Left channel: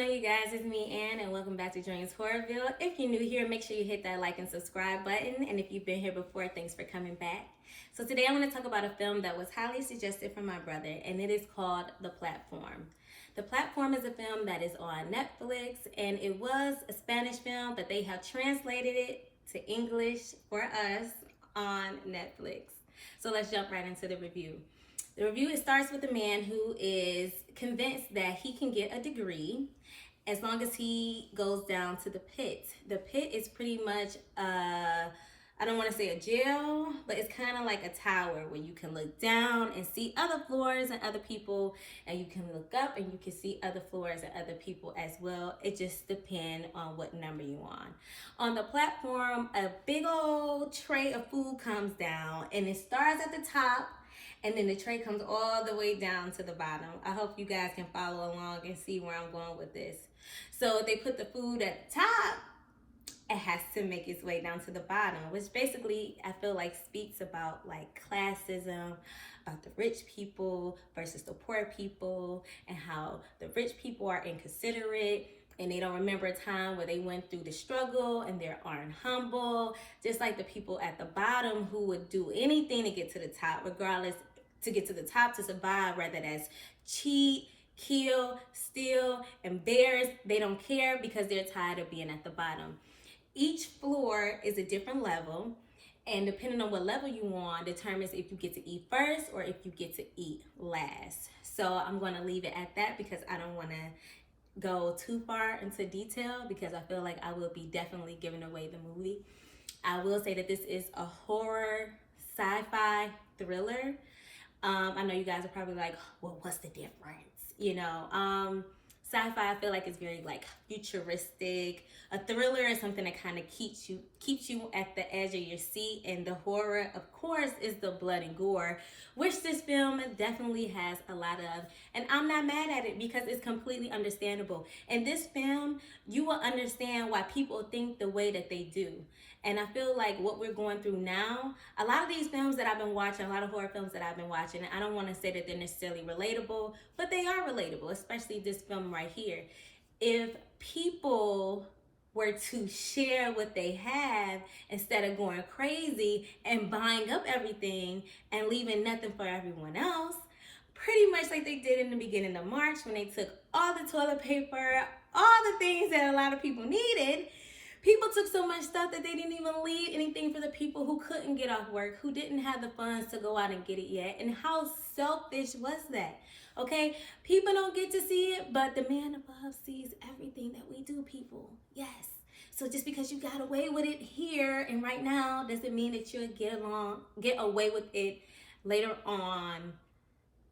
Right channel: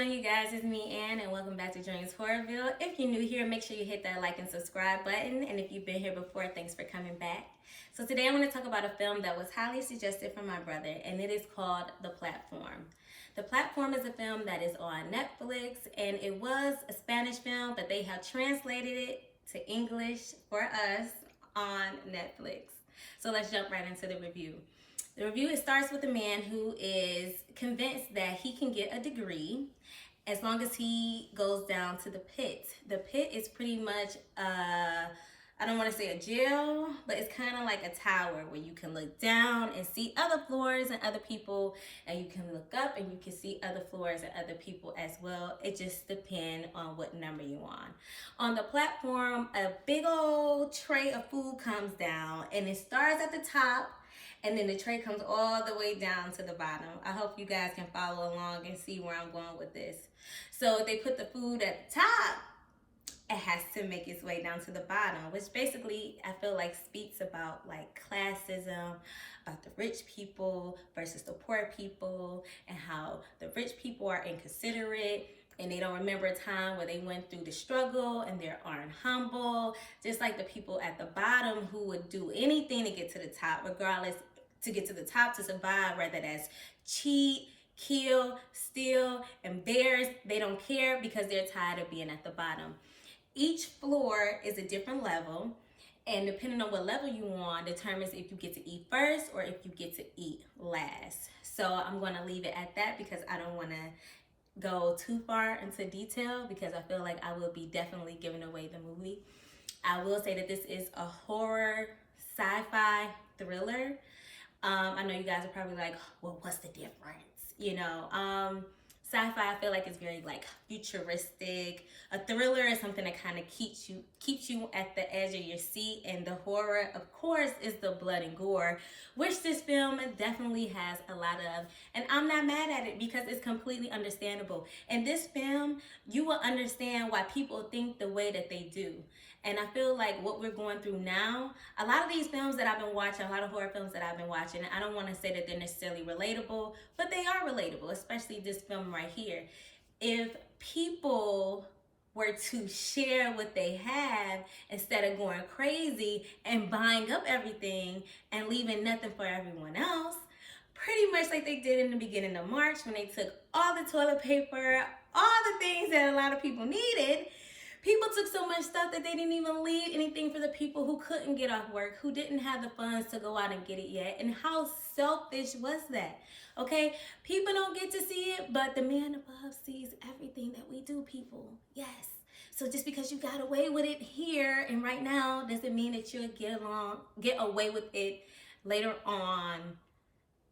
going on, you guys? It's me, Ann, and welcome back to Dreams Horrorville. If you're new here, make sure you hit that like and subscribe button. And if you've been here before, thanks for coming back. So today I want to talk about a film that was highly suggested from my brother, and it is called The Platform. The Platform is a film that is on Netflix, and it was a Spanish film, but they have translated it to English for us on Netflix. So let's jump right into the review. The review, it starts with a man who is convinced that he can get a degree as long as he goes down to the pit. The pit is pretty much, I don't want to say a jail, but it's kind of like a tower where you can look down and see other floors and other people, and you can look up and you can see other floors and other people as well. It just depends on what number you're on. On the platform, a big old tray of food comes down, and it starts at the top, and then the tray comes all the way down to the bottom. I hope you guys can follow along and see where I'm going with this. So if they put the food at the top, it has to make its way down to the bottom, which basically I feel like speaks about like classism, about the rich people versus the poor people, and how the rich people are inconsiderate and they don't remember a time where they went through the struggle and they aren't humble, just like the people at the bottom who would do anything to get to the top, regardless, to get to the top, to survive, whether that's cheat, kill, steal, embarrass. They don't care because they're tired of being at the bottom. Each floor is a different level, and depending on what level you on determines if you get to eat first or if you get to eat last. So I'm going to leave it at that because I don't want to go too far into detail because I feel like I will be definitely giving away the movie. I will say that this is a horror sci-fi thriller. I know you guys are probably like, well, what's the difference? You know, sci-fi I feel like is very like futuristic. A thriller is something that kind of keeps you at the edge of your seat, and the horror, of course, is the blood and gore, which this film definitely has a lot of. And I'm not mad at it because it's completely understandable. In this film, you will understand why people think the way that they do. And I feel like what we're going through now, a lot of these films that I've been watching, a lot of horror films that I've been watching, I don't want to say that they're necessarily relatable, but they are relatable, especially this film right here. If people were to share what they have instead of going crazy and buying up everything and leaving nothing for everyone else, pretty much like they did in the beginning of March when they took all the toilet paper, all the things that a lot of people needed. People took so much stuff that they didn't even leave anything for the people who couldn't get off work, who didn't have the funds to go out and get it yet. And how selfish was that? Okay, people don't get to see it, but the man above sees everything that we do, people. Yes. So just because you got away with it here and right now doesn't mean that you'll get away with it later on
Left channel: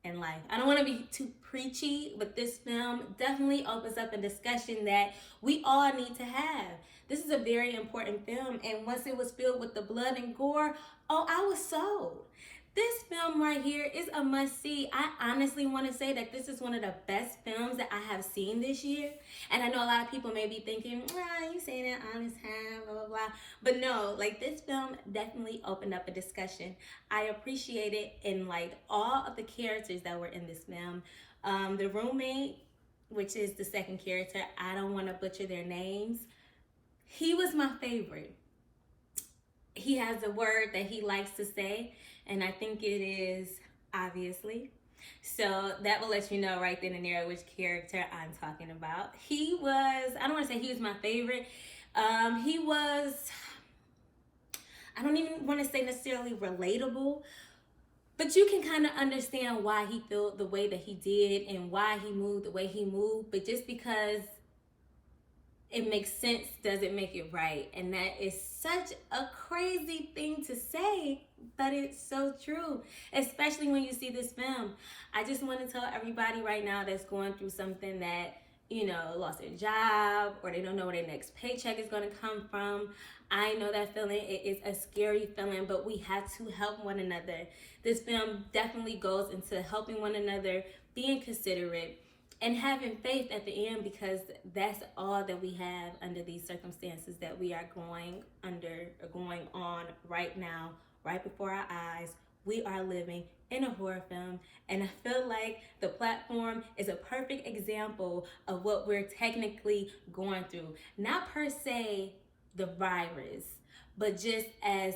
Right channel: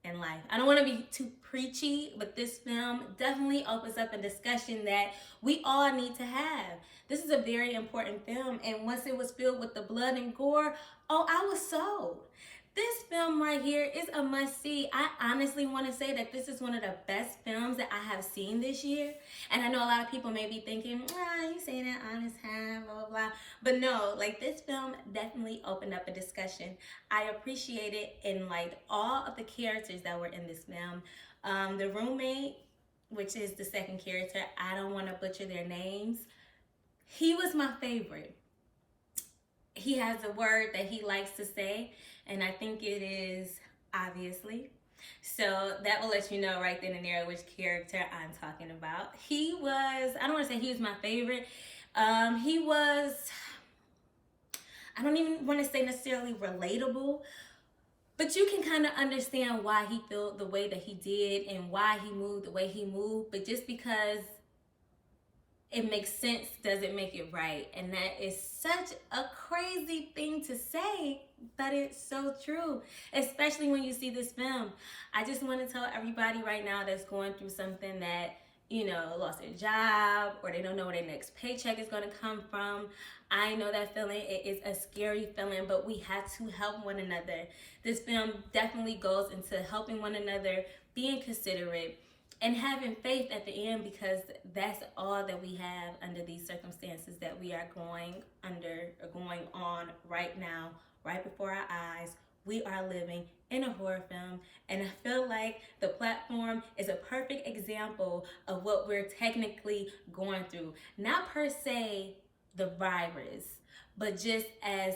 in life. I don't want to be too preachy, but this film definitely opens up a discussion that we all need to have. This is a very important film, and once it was filled with the blood and gore, oh, I was sold. This film right here is a must-see. I honestly want to say that this is one of the best films that I have seen this year. And I know a lot of people may be thinking, you saying that all this time, blah, blah, blah. But no, like this film definitely opened up a discussion. I appreciate it in like all of the characters that were in this film. The roommate, which is the second character, I don't want to butcher their names. He was my favorite. He has a word that he likes to say, and I think it is obviously. So that will let you know right then and there which character I'm talking about. He was, I don't want to say he was my favorite. He was, I don't even want to say necessarily relatable, but you can kind of understand why he felt the way that he did and why he moved the way he moved. But just because it makes sense doesn't make it right. And that is such a crazy thing to say, but it's so true, especially when you see this film. I just want to tell everybody right now that's going through something that, you know, lost their job or they don't know where their next paycheck is going to come from. I know that feeling. It is a scary feeling, but we have to help one another. This film definitely goes into helping one another, being considerate, and having faith at the end, because that's all that we have under these circumstances that we are going under or going on right now, right before our eyes, we are living in a horror film, and I feel like the platform is a perfect example of what we're technically going through. Not per se the virus, but just as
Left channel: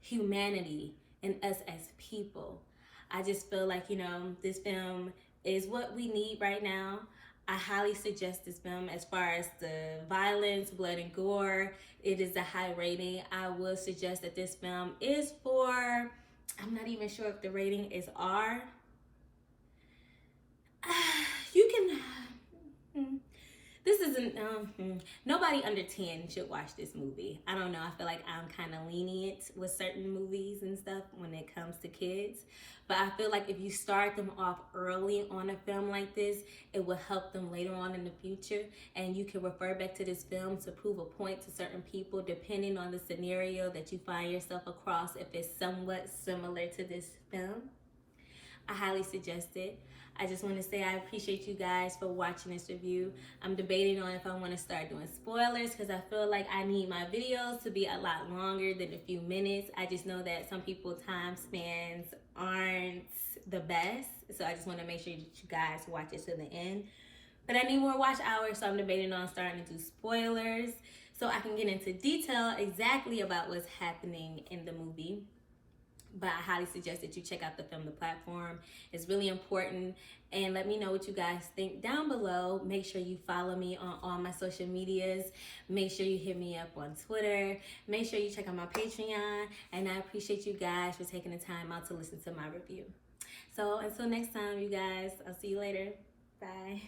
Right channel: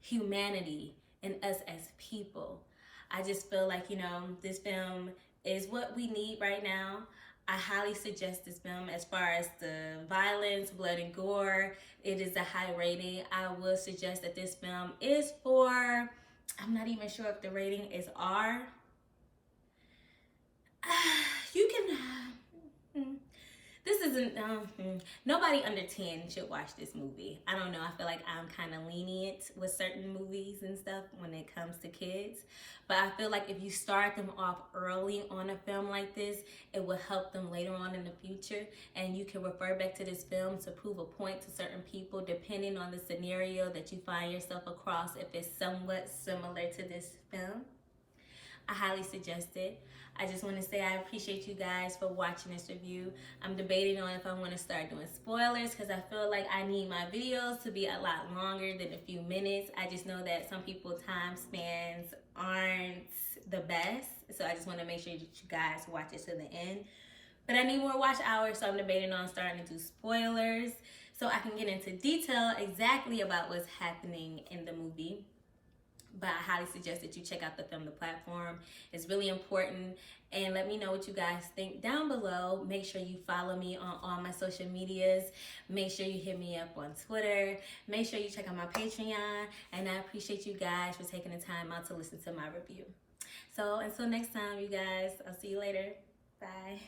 humanity and us as people. I just feel like, this film is what we need right now. I highly suggest this film. As far as the violence, blood, and gore, it is a high rating. I will suggest that this film is for, I'm not even sure if the rating is R. You can, this isn't, nobody under 10 should watch this movie. I don't know, I feel like I'm kind of lenient with certain movies and stuff when it comes to kids. But I feel like if you start them off early on a film like this, it will help them later on in the future. And you can refer back to this film to prove a point to certain people, depending on the scenario that you find yourself across, if it's somewhat similar to this film. I highly suggest it. I just want to say I appreciate you guys for watching this review. I'm debating on if I want to start doing spoilers, because I feel like I need my videos to be a lot longer than a few minutes. I just know that some people's time spans aren't the best, so I just want to make sure that you guys watch it to the end. But I need more watch hours, so I'm debating on starting to do spoilers so I can get into detail exactly about what's happening in the movie. But I highly suggest that you check out the film, The Platform. It's really important. And let me know what you guys think down below. Make sure you follow me on all my social medias. Make sure you hit me up on Twitter. Make sure you check out my Patreon. And I appreciate you guys for taking the time out to listen to my review. So until next time, you guys, I'll see you later. Bye.